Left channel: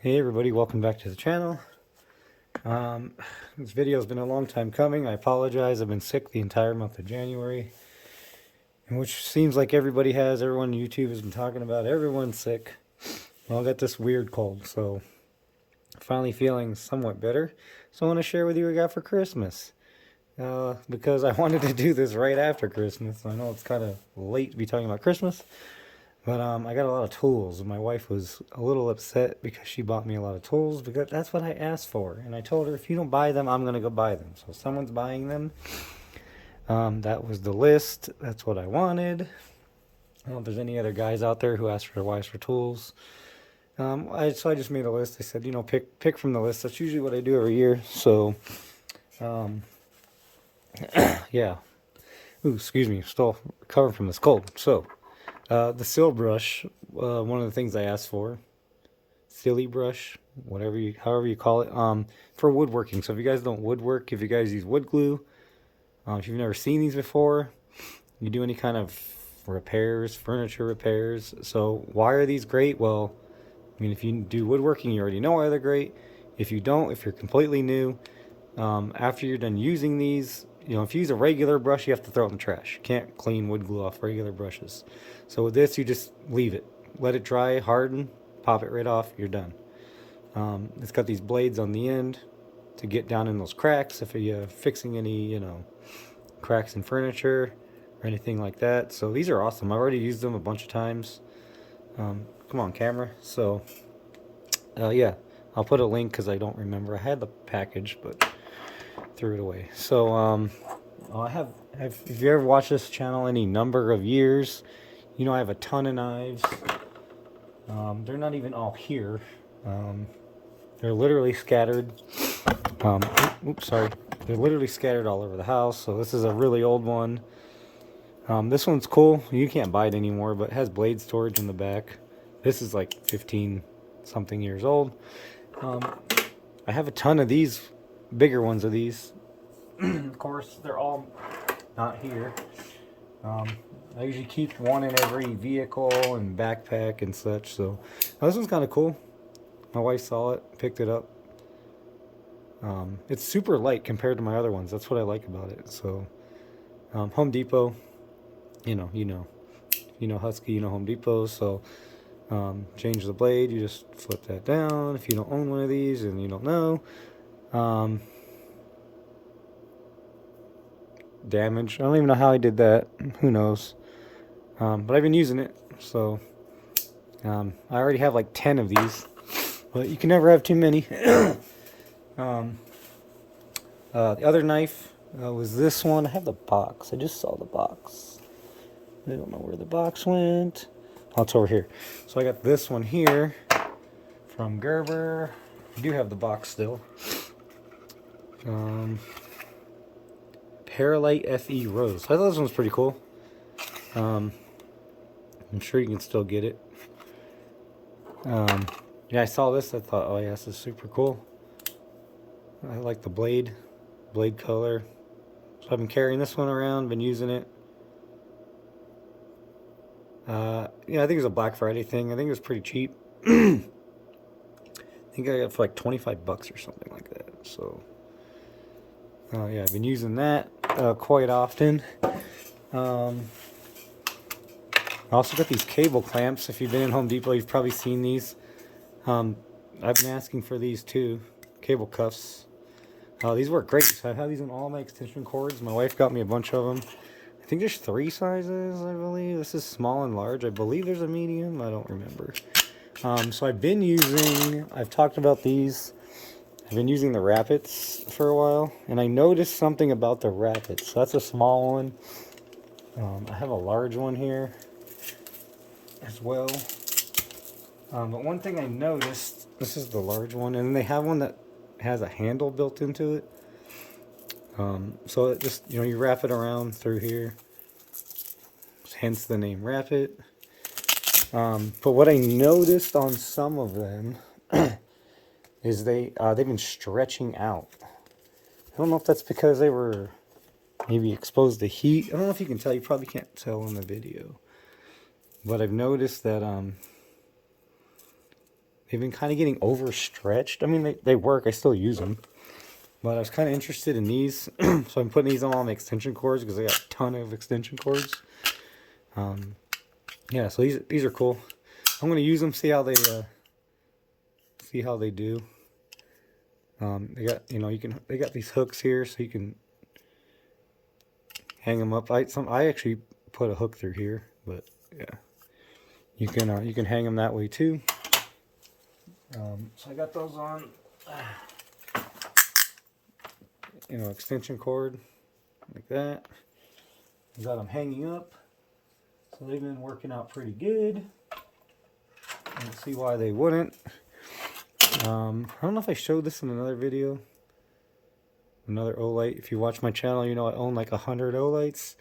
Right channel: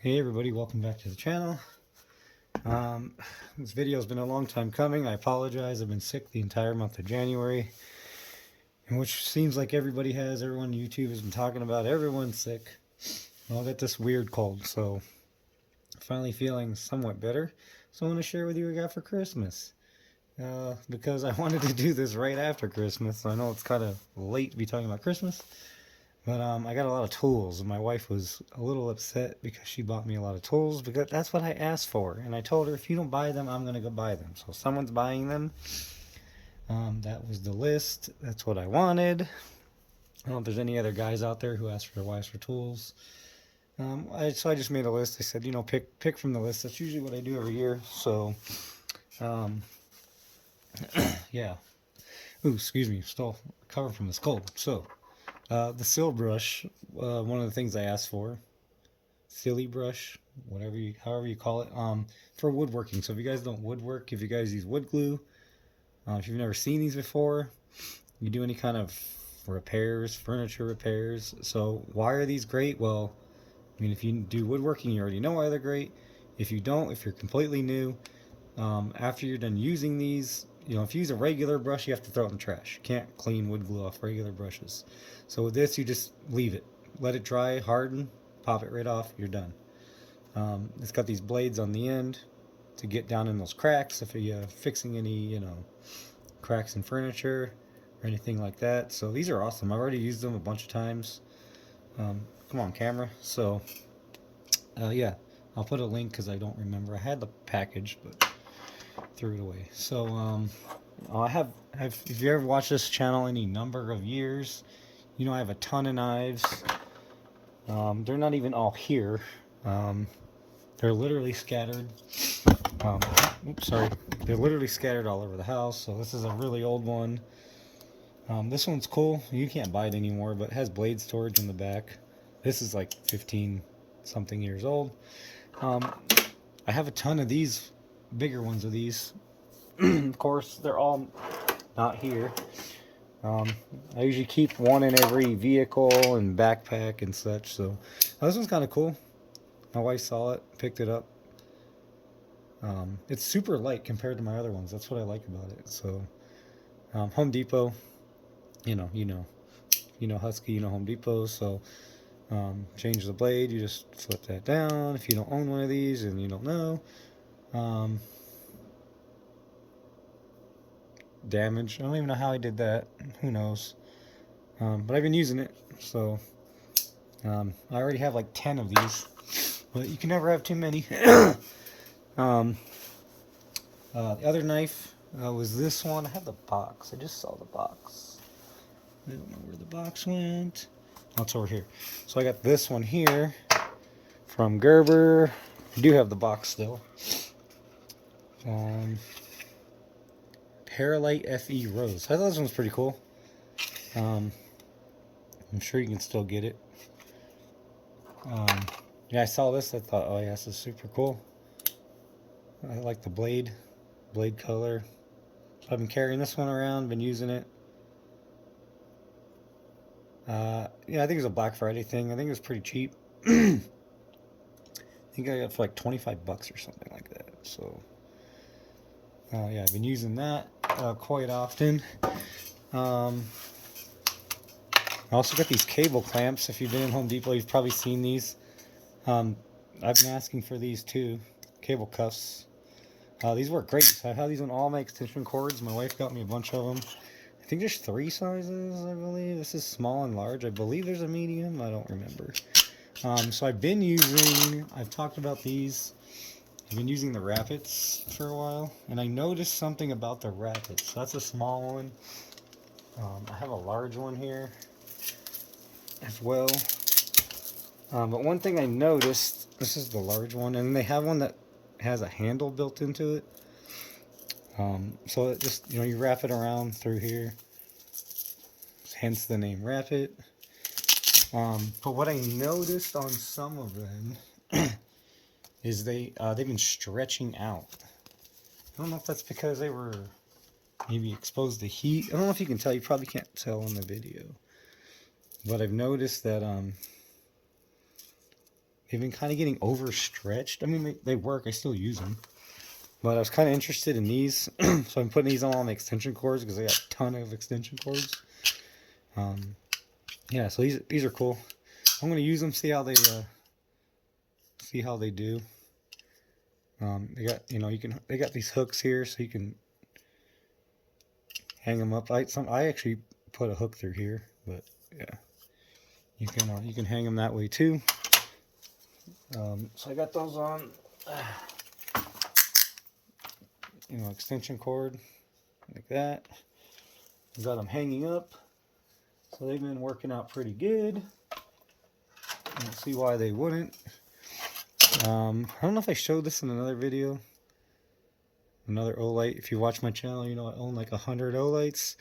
Hey everybody, welcome back to the channel. This video has been a long time coming. I apologize. I've been sick the entire month of January, and which seems like everybody has. Everyone on YouTube has been talking about everyone's sick. Well, I got this weird cold, so finally feeling somewhat better. So I want to share with you what I got for Christmas. Because I wanted to do this right after Christmas. So I know it's kind of late to be talking about Christmas. But I got a lot of tools, and my wife was a little upset because she bought me a lot of tools because that's what I asked for. And I told her, if you don't buy them, I'm going to go buy them. So someone's buying them. That was the list. That's what I wanted. I don't know if there's any other guys out there who asked for their wives for tools. So I just made a list. I said, pick from the list. That's usually what I do every year. So, yeah. Ooh, excuse me. Still recovering from this cold. So, the seal brush, one of the things I asked for, Sili brush, however you call it, for woodworking. So if you guys don't woodwork, if you guys use wood glue, if you've never seen these before, you do any kind of repairs, furniture repairs. So why are these great? Well, I mean, if you do woodworking, you already know why they're great. If you don't, if you're completely new, after you're done using these, if you use a regular brush, you have to throw it in the trash. You can't clean wood glue off regular brushes. So with this, you just leave it. Let it dry, harden, pop it right off, you're done. It's got these blades on the end to get down in those cracks if you're fixing any, cracks in furniture or anything like that. So these are awesome. I've already used them a bunch of times. Come on, camera. So, yeah, I'll put a link because I don't remember. I had the package, but threw it away. So if you ever watched this channel any number of years, I have a ton of knives. They're not even all here. They're literally scattered. Oops, sorry. They're literally scattered all over the house. So this is a really old one. This one's cool. You can't buy it anymore, but it has blade storage in the back. This is like 15 something years old. I have a ton of these, bigger ones of these. Of course, they're all not here. I usually keep one in every vehicle and backpack and such. So this one's kind of cool. My wife saw it, picked it up. It's super light compared to my other ones. That's what I like about it. So Home Depot, you know Husky, Home Depot. So change the blade. You just flip that down. If you don't own one of these and you don't know. Damage. I don't even know how I did that. Who knows? But I've been using it. So I already have like 10 of these. But you can never have too many. The other knife was this one. I have the box. I just saw the box. I don't know where the box went. Oh, it's over here. So I got this one here from Gerber. I do have the box still. Paralite FE Rose. I thought this one was pretty cool. I'm sure you can still get it. Yeah, I saw this. I thought, oh yeah, this is super cool. I like the blade color. So I've been carrying this one around, been using it. Yeah, I think it was a Black Friday thing. I think it was pretty cheap. I think I got it for like 25 bucks or something like that. So, yeah, I've been using that quite often. I also got these cable clamps. If you've been in Home Depot, you've probably seen these. I've been asking for these too. Cable cuffs. These work great. So I have these on all my extension cords. My wife got me a bunch of them. I think there's 3 sizes, I believe. This is small and large. I believe there's a medium. I don't remember. So I've talked about these. I've been using the Rapids for a while. And I noticed something about the Rapids. So that's a small one. I have a large one here as well. But one thing I noticed, this is the large one. And they have one that has a handle built into it. So it just, you wrap it around through here. Hence the name Wrap It. But what I noticed on some of them is they've been stretching out. I don't know if that's because they were maybe exposed to heat. I don't know if you can tell. You probably can't tell in the video. But I've noticed that they've been kind of getting overstretched. I mean, they work. I still use them. But I was kind of interested in these. So I'm putting these on all my extension cords because I got a ton of extension cords. Yeah, so these are cool. I'm going to use them, see how they do. They got, you know, they got these hooks here so you can hang them up. I actually put a hook through here, but yeah, you can hang them that way too. So I got those on, you know, extension cord like that. I got them hanging up, so they've been working out pretty good. I don't see why they wouldn't. I don't know if I showed this in another video. Another Olight. If you watch my channel, you know I own like 100 Olights.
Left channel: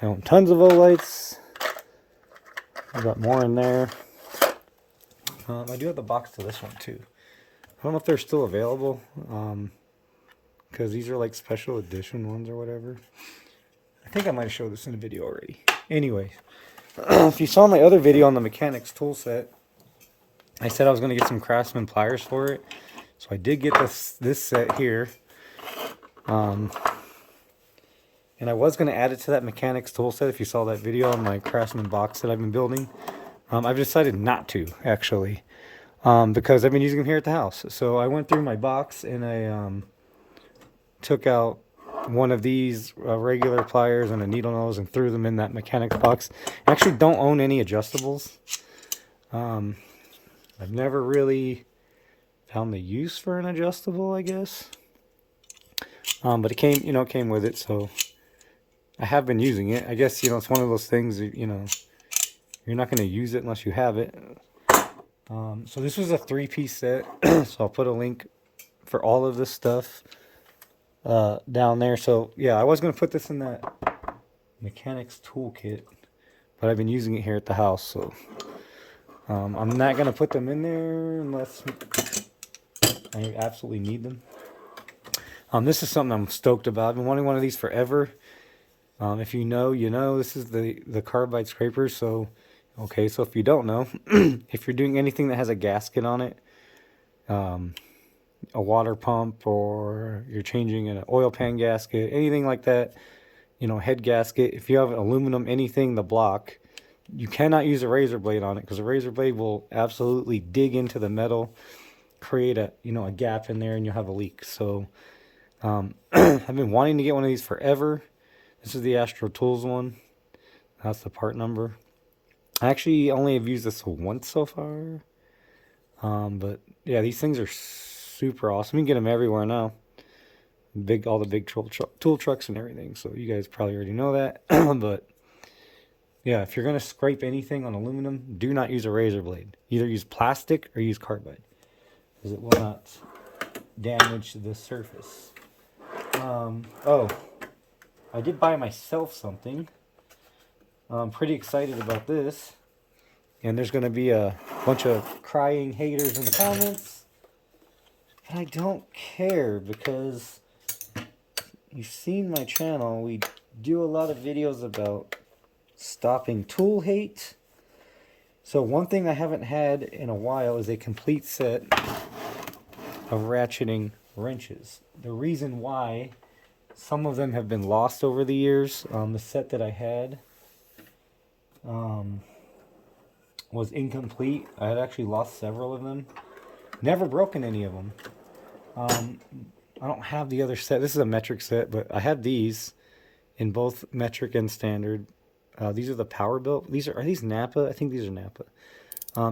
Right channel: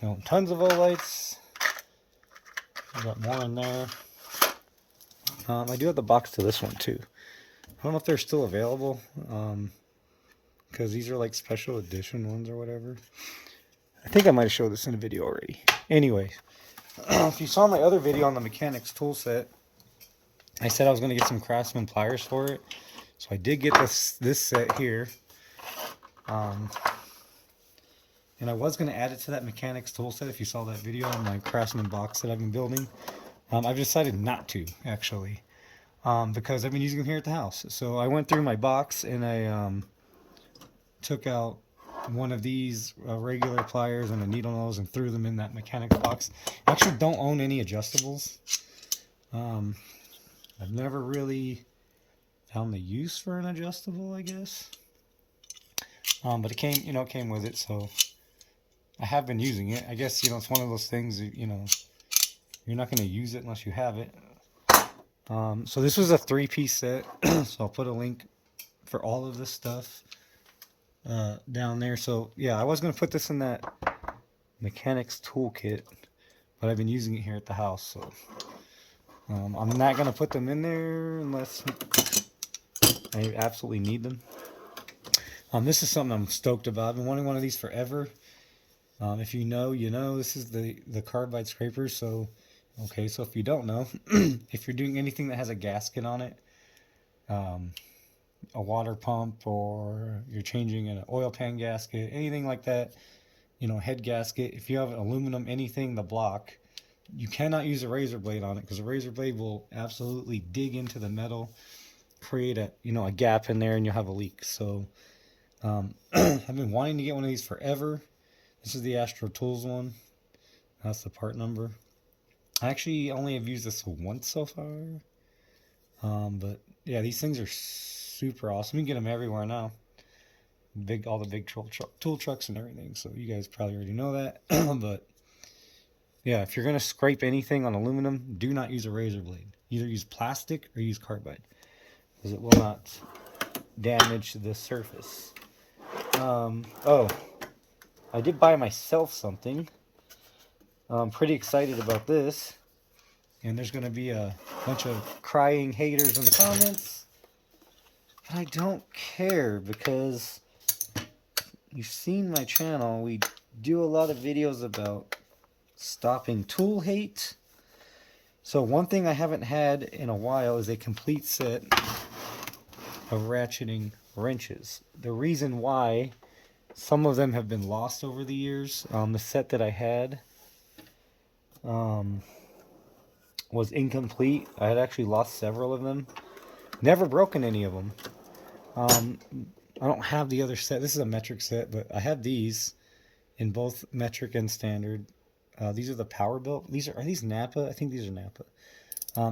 I own tons of Olights. I got more in there. I do have the box to this one too. I don't know if they're still available, because these are like special edition ones or whatever. I think I might have showed this in a video already. Anyway, if you saw my other video on the mechanics tool set, I said I was going to get some Craftsman pliers for it. So I did get this set here. And I was going to add it to that mechanics tool set if you saw that video on my Craftsman box that I've been building. I've decided not to, actually, because I've been using them here at the house. So I went through my box and I took out one of these regular pliers and a needle nose and threw them in that mechanics box. I actually don't own any adjustables. I've never really found the use for an adjustable, I guess. But it came, you know, it came with it, so I have been using it. I guess, you know, it's one of those things that, you know, you're not going to use it unless you have it. So this was a 3-piece set, so I'll put a link for all of this stuff down there. So yeah, I was going to put this in that mechanics toolkit, but I've been using it here at the house, so I'm not going to put them in there unless I absolutely need them. This is something I'm stoked about. I've been wanting one of these forever. If you know, you know. This is the carbide scraper. So, okay, so if you don't know, if you're doing anything that has a gasket on it, a water pump, or you're changing an oil pan gasket, anything like that, you know, head gasket, if you have aluminum, anything, the block, you cannot use a razor blade on it because a razor blade will absolutely dig into the metal, create a, you know, a gap in there, and you'll have a leak. So I've been wanting to get one of these forever. This is the Astro Tools one. That's the part number. I actually only have used this once so far. But yeah, these things are super awesome. You can get them everywhere now. All the big tool trucks and everything. So you guys probably already know that. But yeah, if you're going to scrape anything on aluminum, do not use a razor blade. Either use plastic or use carbide, because it will not damage the surface. Oh, I did buy myself something. I'm pretty excited about this. And there's going to be a bunch of crying haters in the comments. And I don't care, because you've seen my channel. We do a lot of videos about stopping tool hate. So one thing I haven't had in a while is a complete set of ratcheting wrenches. The reason why, some of them have been lost over the years. The set that I had was incomplete. I had actually lost several of them. Never broken any of them. I don't have the other set. This is a metric set, but I have these in both metric and standard. These are the power built. Are these Napa? I think these are Napa.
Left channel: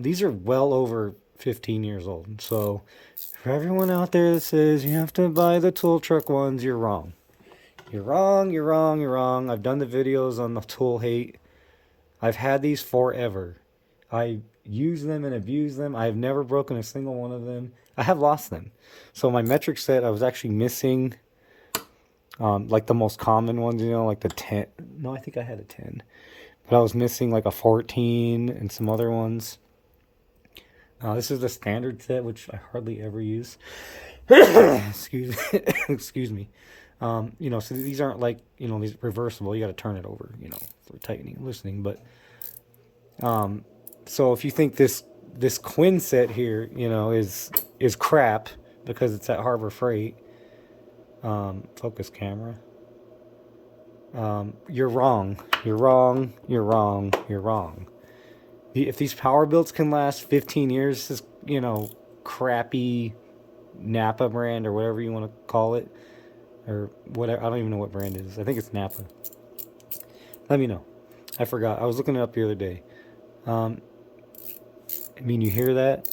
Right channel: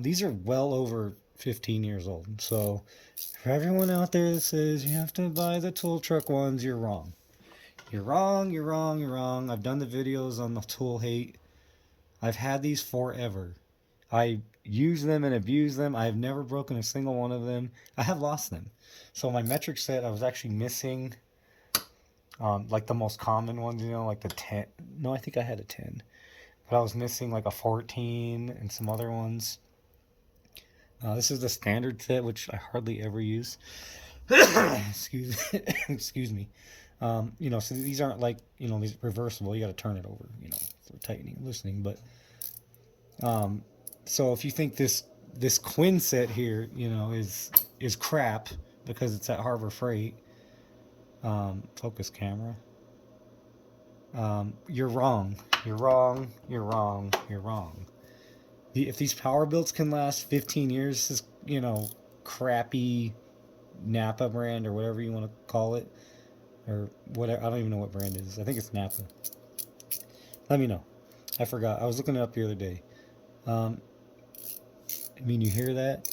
These are well over 15 years old. So for everyone out there that says you have to buy the tool truck ones, you're wrong. You're wrong, you're wrong, you're wrong. I've done the videos on the tool hate. I've had these forever. I use them and abuse them. I have never broken a single one of them. I have lost them. So my metric set, I was actually missing like the most common ones, you know, like the 10. No, I think I had a 10. But I was missing like a 14 and some other ones. This is the standard set, which I hardly ever use. Excuse me. You know, so these aren't like, you know, these reversible. You got to turn it over, you know, for tightening and loosening. But so if you think this this Quinn set here, you know, is crap because it's at Harbor Freight. Focus camera. You're wrong. You're wrong. You're wrong. You're wrong. If these power builds can last 15 years, this, you know, crappy Napa brand or whatever you want to call it, or whatever, I don't even know what brand it is. I think it's Napa. Let me know. I forgot. I was looking it up the other day. I mean, you hear that?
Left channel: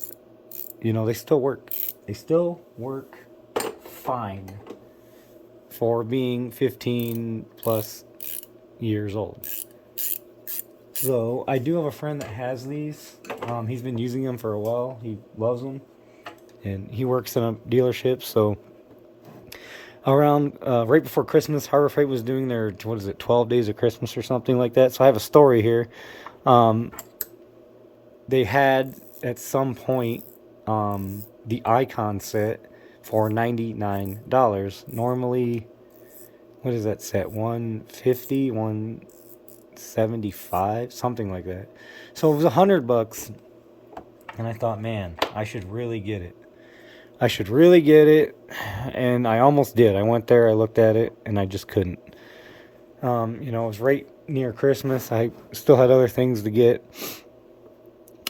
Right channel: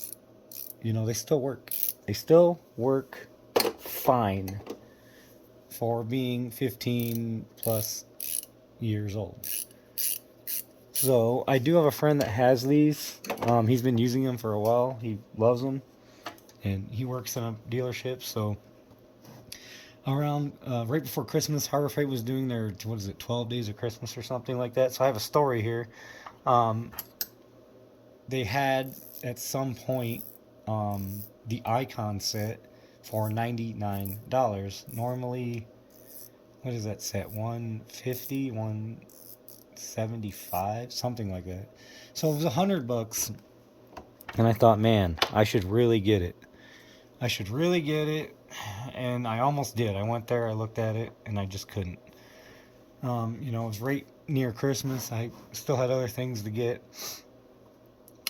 You know, they still work. They still work fine for being 15 plus years old. So I do have a friend that has these. He's been using them for a while. He loves them, and he works in a dealership. So around right before Christmas, Harbor Freight was doing their, what is it, 12 days of Christmas or something like that. So I have a story here. They had at some point the Icon set for $99. Normally, what is that set? $150, $175, something like that. So it was $100, and I thought, man, I should really get it. I should really get it, and I almost did. I went there, I looked at it, and I just couldn't. You know, it was right near Christmas. I still had other things to get,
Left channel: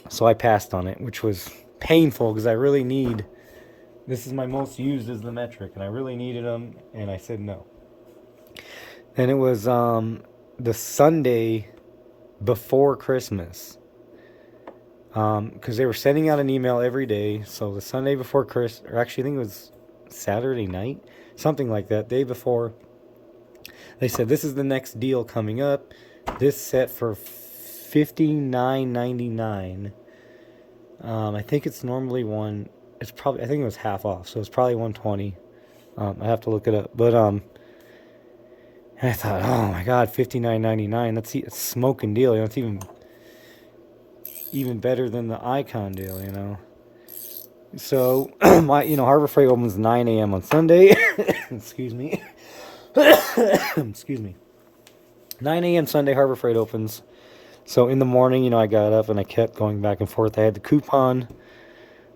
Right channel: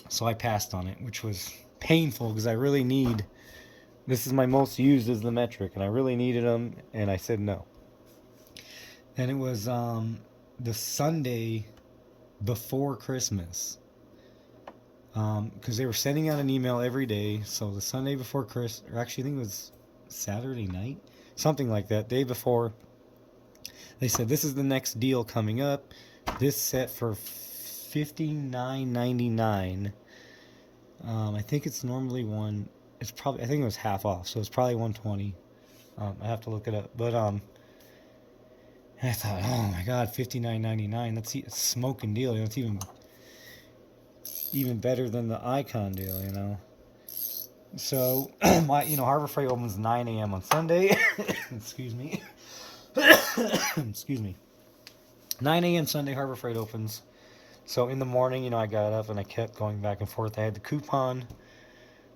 so I passed on it, which was painful because I really need. This is my most used is the metric, and I really needed them, and I said no. And it was the Sunday before Christmas, because they were sending out an email every day. So the Sunday before Christmas, or actually I think it was Saturday night, something like that, day before, they said this is the next deal coming up. This set for $59.99. I think it's normally it's probably, I think it was half off, so it's probably $120. I have to look it up, but I thought, oh my God, $59.99. That's a smoking deal. You know, it's even better than the Icon deal. You know. So Harbor Freight opens 9 a.m. on Sunday. Excuse me. Excuse me. 9 a.m. Sunday, Harbor Freight opens. So in the morning, I got up and I kept going back and forth. I had the coupon.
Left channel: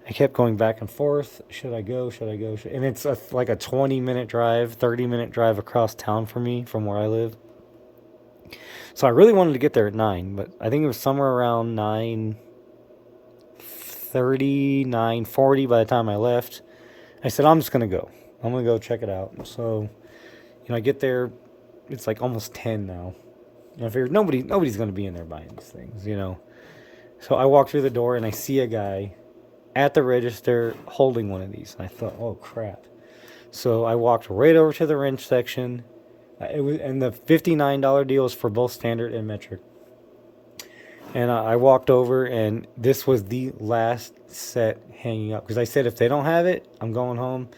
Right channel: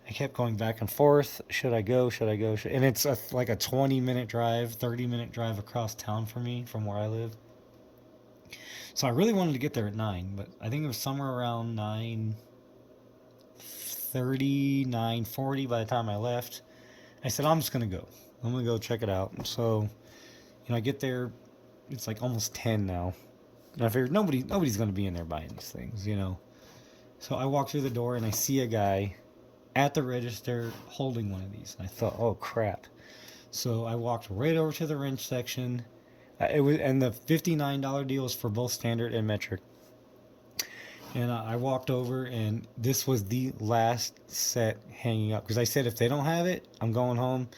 I kept going back and forth. Should I go? Should I go? And it's like a 20-minute drive, 30-minute drive across town for me from where I live. So I really wanted to get there at 9, but I think it was somewhere around 9:30, 9:40 by the time I left. I said, I'm just going to go. I'm going to go check it out. So, I get there. It's like almost 10 now. And I figured nobody's going to be in there buying these things, So I walk through the door and I see a guy at the register holding one of these. And I thought, oh crap. So I walked right over to the wrench section. And the $59 deal is for both standard and metric. And I walked over, and this was the last set hanging up. Because I said, if they don't have it, I'm going home.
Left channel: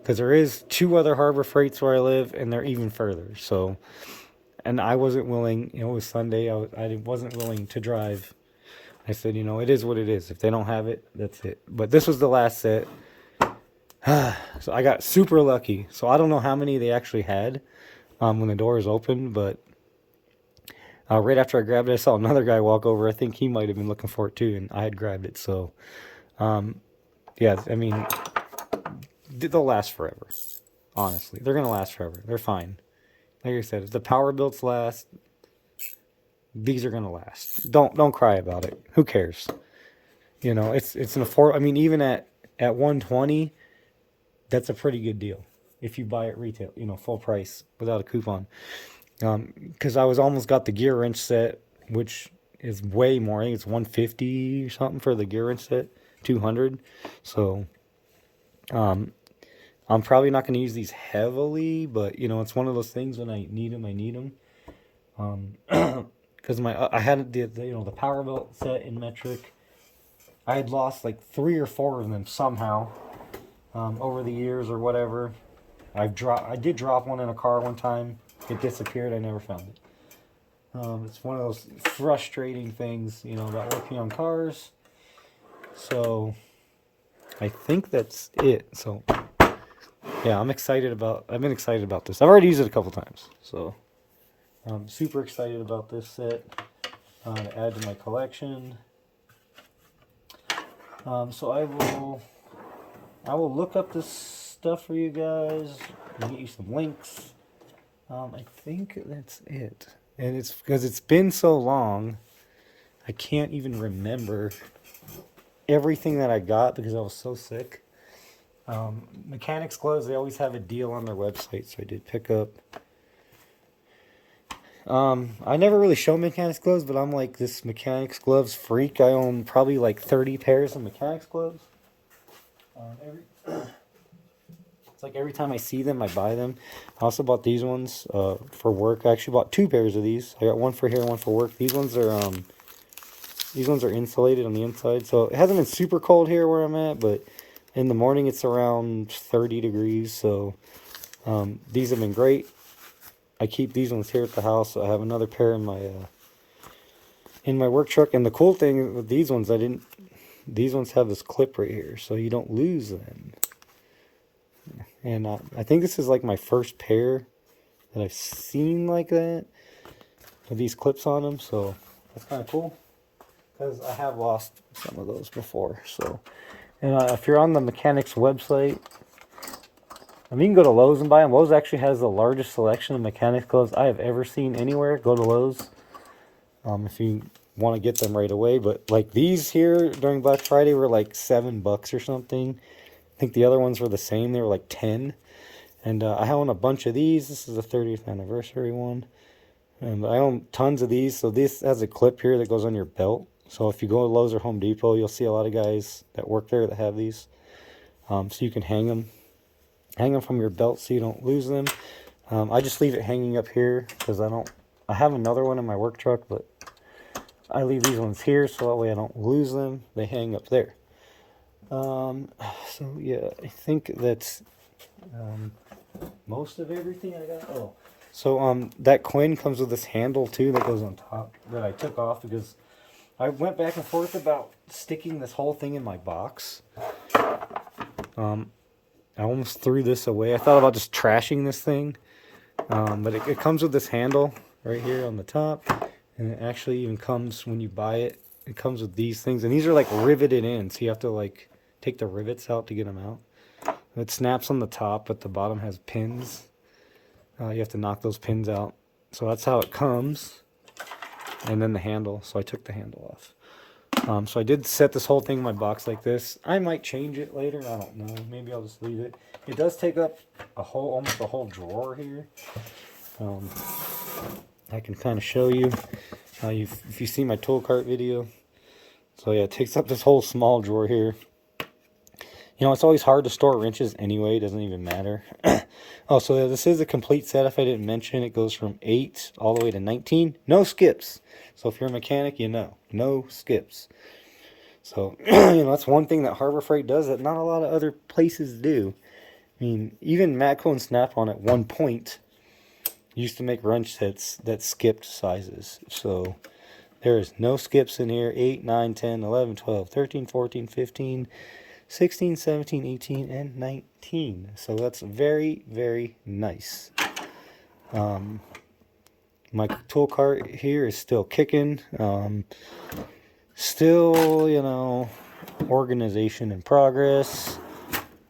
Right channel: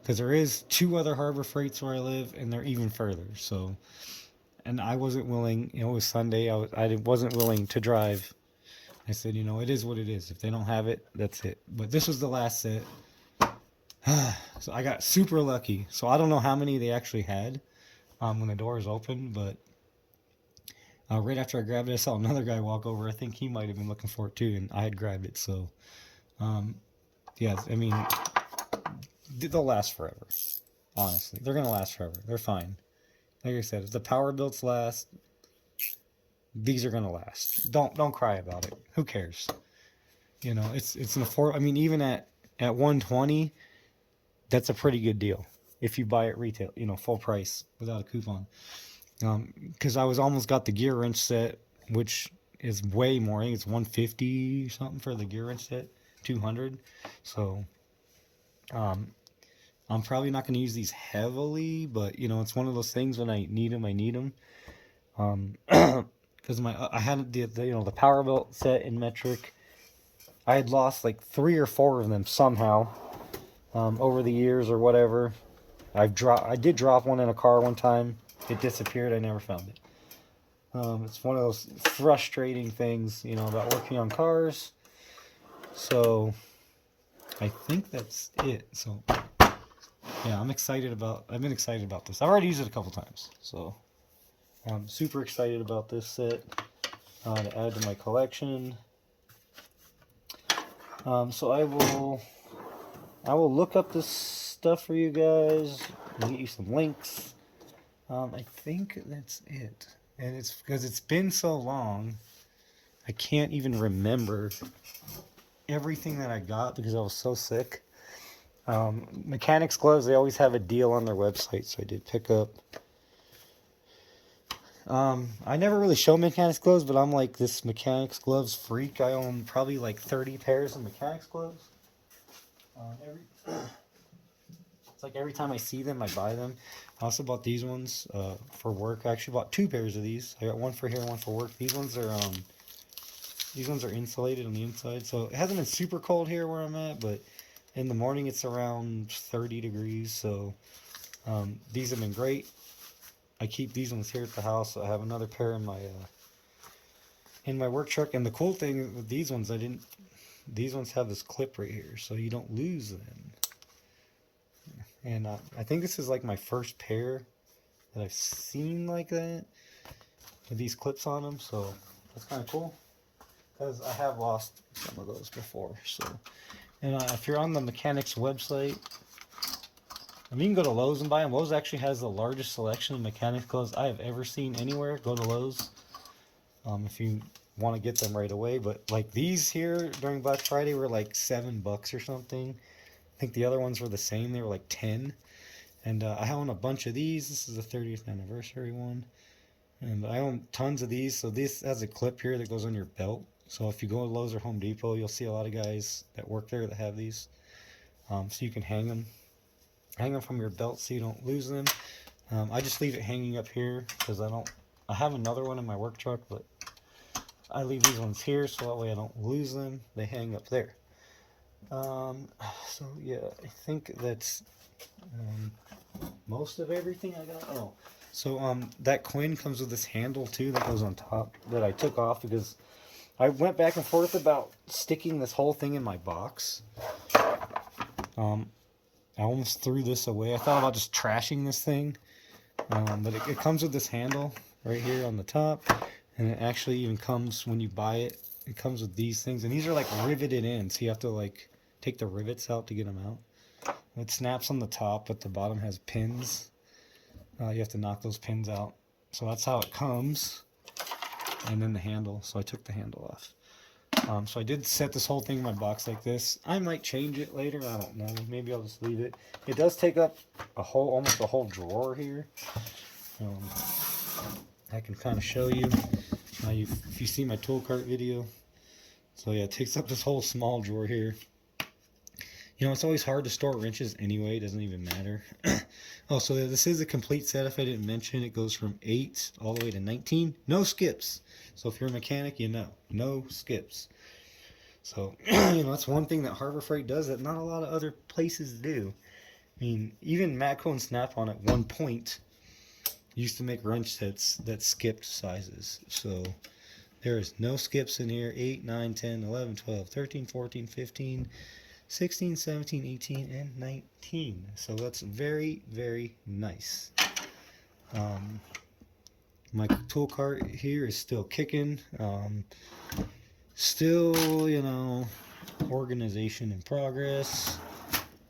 Because there is 2 other Harbor Freights where I live, and they're even further. So, and I wasn't willing, it was Sunday, I wasn't willing to drive. I said, it is what it is. If they don't have it, that's it. But this was the last set. So I got super lucky. So I don't know how many they actually had when the doors opened, but right after I grabbed it, I saw another guy walk over. I think he might have been looking for it too, and I had grabbed it. So, yeah, I mean, they'll last forever. Honestly, they're gonna last forever. They're fine. Like I said, if the power builds last, these are gonna last. Don't cry about it. Who cares? It's an affordable. I mean, even at $120, that's a pretty good deal if you buy it retail. Full price without a coupon. Because I was almost got the gear wrench set, which is way more. I think it's $150 or something for the gear wrench set, $200. So, I'm probably not going to use these heavily, but it's one of those things when I need them, I need them. Because I had the power belt set in metric. I had lost like 3 or 4 of them somehow over the years or whatever. I did drop one in a car one time. It disappeared. I never found it. It's one of those frustrating things, about working on cars. So I think that's it. So yeah, I've been excited about this. I've already used it a couple times. So I'm super excited about this set to add to my collection. So I will look up this stuff for you guys and get you some links. I think that's it. And it's because it's been so long, I can't even remember everything that I got because I was so sick. Mechanics gloves, they always have a deal on their website, so I did pick up. I never really show mechanics gloves, but I'm like this mechanics gloves freak. I own probably like 30 pairs of mechanics gloves. It's like every time I see them, I buy them. I also bought these ones for work. I actually bought 2 pairs of these. I got one for here, one for work. These ones are insulated on the inside, so it hasn't been super cold here where I'm at, but in the morning it's around 30 degrees. So these have been great. I keep these ones here at the house. I have another pair in my work truck. And the cool thing with these ones, these ones have this clip right here, so you don't lose them. And I think this is like my first pair that I've seen like that with these clips on them. So that's kind of cool because I have lost some of those before. So, and if you're on the mechanics website, I mean, you can go to Lowe's and buy them. Lowe's actually has the largest selection of mechanics gloves I have ever seen anywhere. Go to Lowe's if you want to get them right away. But like these here during Black Friday were like $7 or something. I think the other ones were the same. They were like 10. And I own a bunch of these. This is the 30th anniversary one. And I own tons of these. So this has a clip here that goes on your belt. So if you go to Lowe's or Home Depot, you'll see a lot of guys that work there that have these. So you can hang them from your belt so you don't lose them. I just leave it hanging up here because I have another one in my work truck, but I leave these ones here so that way I don't lose them. They hang up there. So yeah, I think that's most of everything I got. Oh, so that Quinn comes with this handle too that goes on top that I took off because I went back and forth about sticking this whole thing in my box. I almost threw this away. I thought about just trashing this thing, but it comes with this handle right here on the top, and it actually even comes when you buy it. It comes with these things, and these are like riveted in, so you have to like take the rivets out to get them out. It snaps on the top, but the bottom has pins. You have to knock those pins out. So that's how it comes, and then the handle. So I took the handle off. So I did set this whole thing in my box like this. I might change it later. I don't know. Maybe I'll just leave it. It does take up almost a whole drawer here. I can kind of show you. If you see my tool cart video. So yeah, it takes up this whole small drawer here. You know, it's always hard to store wrenches anyway. It doesn't even matter. Oh, so yeah, this is a complete set. If I didn't mention, it goes from 8 all the way to 19. No skips. So if you're a mechanic, you know, no skips. So, you know, that's one thing that Harbor Freight does that not a lot of other places do. I mean, even Matco and Snap-on at one point used to make wrench sets that skipped sizes. So there is no skips in here. 8, 9, 10, 11, 12, 13, 14, 15, 16, 17, 18, and 19. So that's very, very nice. My tool cart here is still kicking. Still, you know, organization in progress.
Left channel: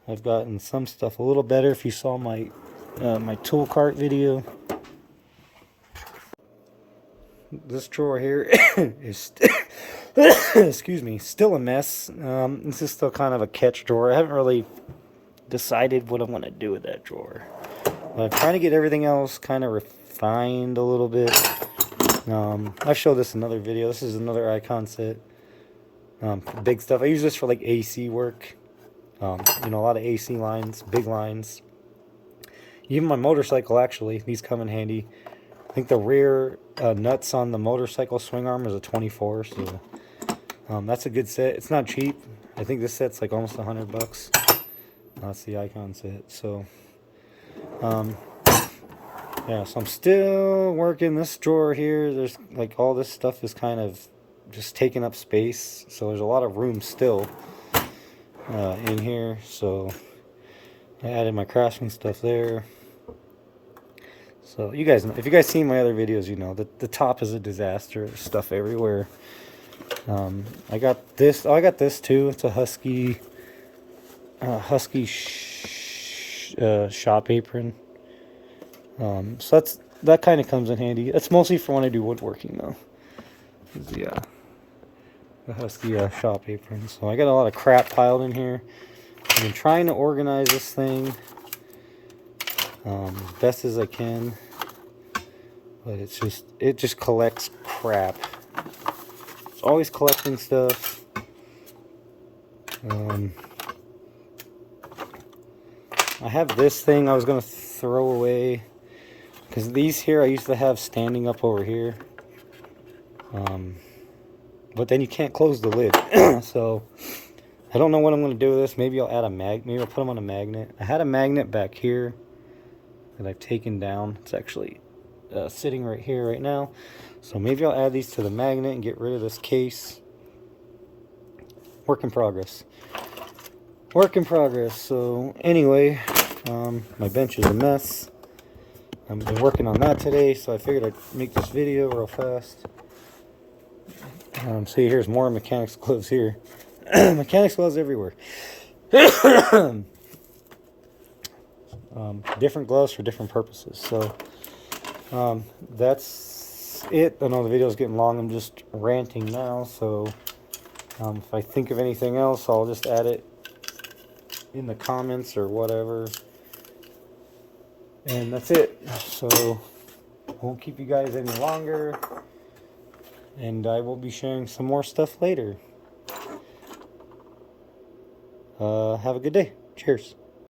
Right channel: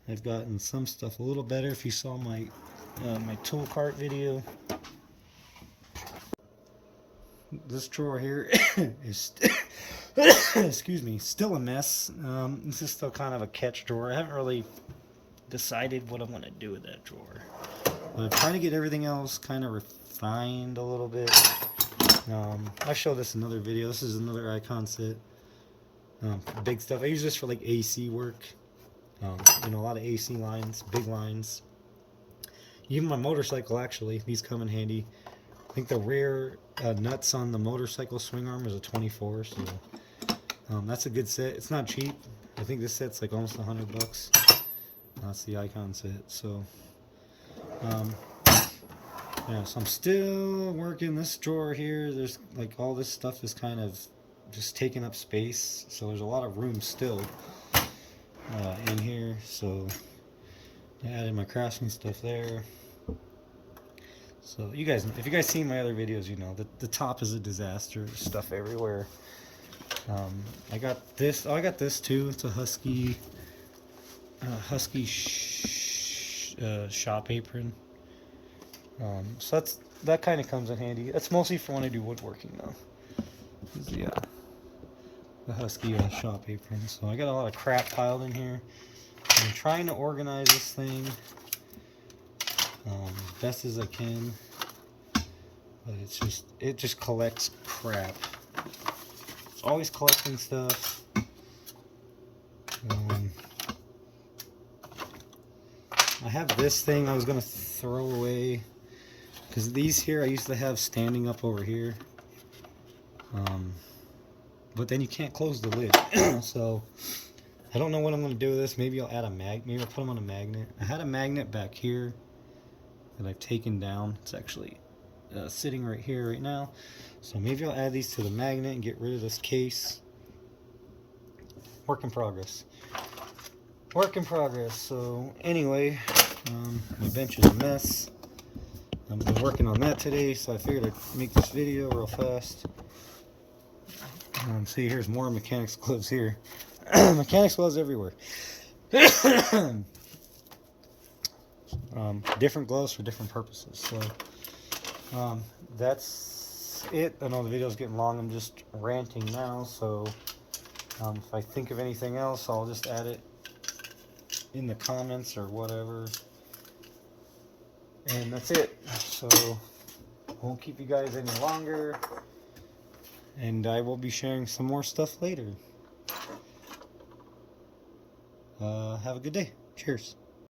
I've gotten some stuff a little better. If you saw my my tool cart video, this drawer here is excuse me, still a mess. This is still kind of a catch drawer. I haven't really decided what I'm going to do with that drawer. But I'm trying to get everything else kind of refined a little bit. I showed this in another video. This is another icon set. Big stuff. I use this for like AC work. You know, a lot of AC lines, big lines. Even my motorcycle, actually, these come in handy. I think the rear nuts on the motorcycle swing arm is a 24, so that's a good set. It's not cheap. I think this set's like almost $100. That's the icon set. So, yeah, so I'm still working this drawer here. There's like all this stuff is kind of just taking up space, so there's a lot of room still in here. So I added my Craftsman stuff there. So you guys know, if you guys seen my other videos, you know that the top is a disaster. There's stuff everywhere. I got this. Oh, I got this too. It's a Husky shop apron. So that kind of comes in handy. It's mostly for when I do woodworking though. The Husky shop apron. So I got a lot of crap piled in here. I've been trying to organize this thing best as I can, but it just collects crap. It's always collecting stuff. I have this thing I was gonna throw away because these here I used to have standing up over here, but then you can't close the lid. So I don't know what I'm gonna do with this. Maybe I'll add maybe I'll put them on a magnet. I had a magnet back here that I've taken down. It's actually sitting right here right now. So maybe I'll add these to the magnet and get rid of this case. Work in progress. Work in progress. So anyway, my bench is a mess. I've been working on that today, so I figured I'd make this video real fast. See, here's more mechanics gloves here. Mechanics gloves everywhere. Different gloves for different purposes. So that's it. I know the video's getting long. I'm just ranting now. So if I think of anything else, I'll just add it in the comments or whatever. And that's it. So won't keep you guys any longer. And I will be sharing some more stuff later. Have a good day. Cheers.